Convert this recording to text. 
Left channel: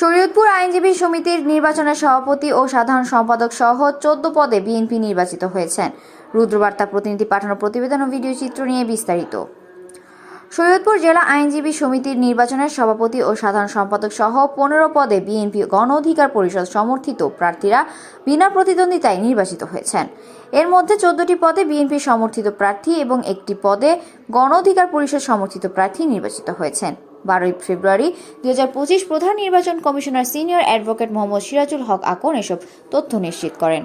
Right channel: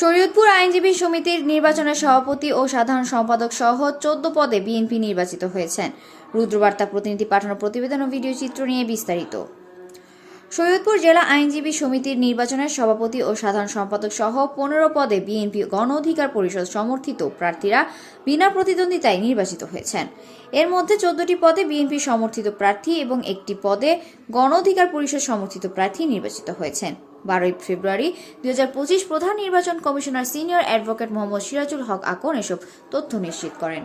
শরীয়তপুর আইনজীবী সমিতির নির্বাচনের সভাপতি ও সাধারণ সম্পাদক সহ চোদ্দ পদে বিএনপি নির্বাচিত হয়েছেন। রুদ্রবার্তা প্রতিনিধি পাঠানো প্রতিবেদন ও ভিডিও চিত্র নিয়ে বিস্তারিত। শরীয়তপুর জেলা আইনজীবী সমিতির নির্বাচনের সভাপতি ও সাধারণ সম্পাদক সহ পনেরো পদে বিএনপি গণ অধিকার পরিষদ সমর্থিত প্রার্থীরা বিনা প্রতিদ্বন্দ্বিতায় নির্বাচিত হয়েছেন। এর মধ্যে চোদ্দটি পদে বিএনপি সমর্থিত প্রার্থী এবং একটি পদে গণ অধিকার পরিষদ সমর্থিত প্রার্থী নির্বাচিত হয়েছেন। বারোই ফেব্রুয়ারি দু হাজার পঁচিশ প্রধান নির্বাচন commissioner senior advocate Mohammad Sirajul Haque Akon এসব তথ্য নিশ্চিত করেন।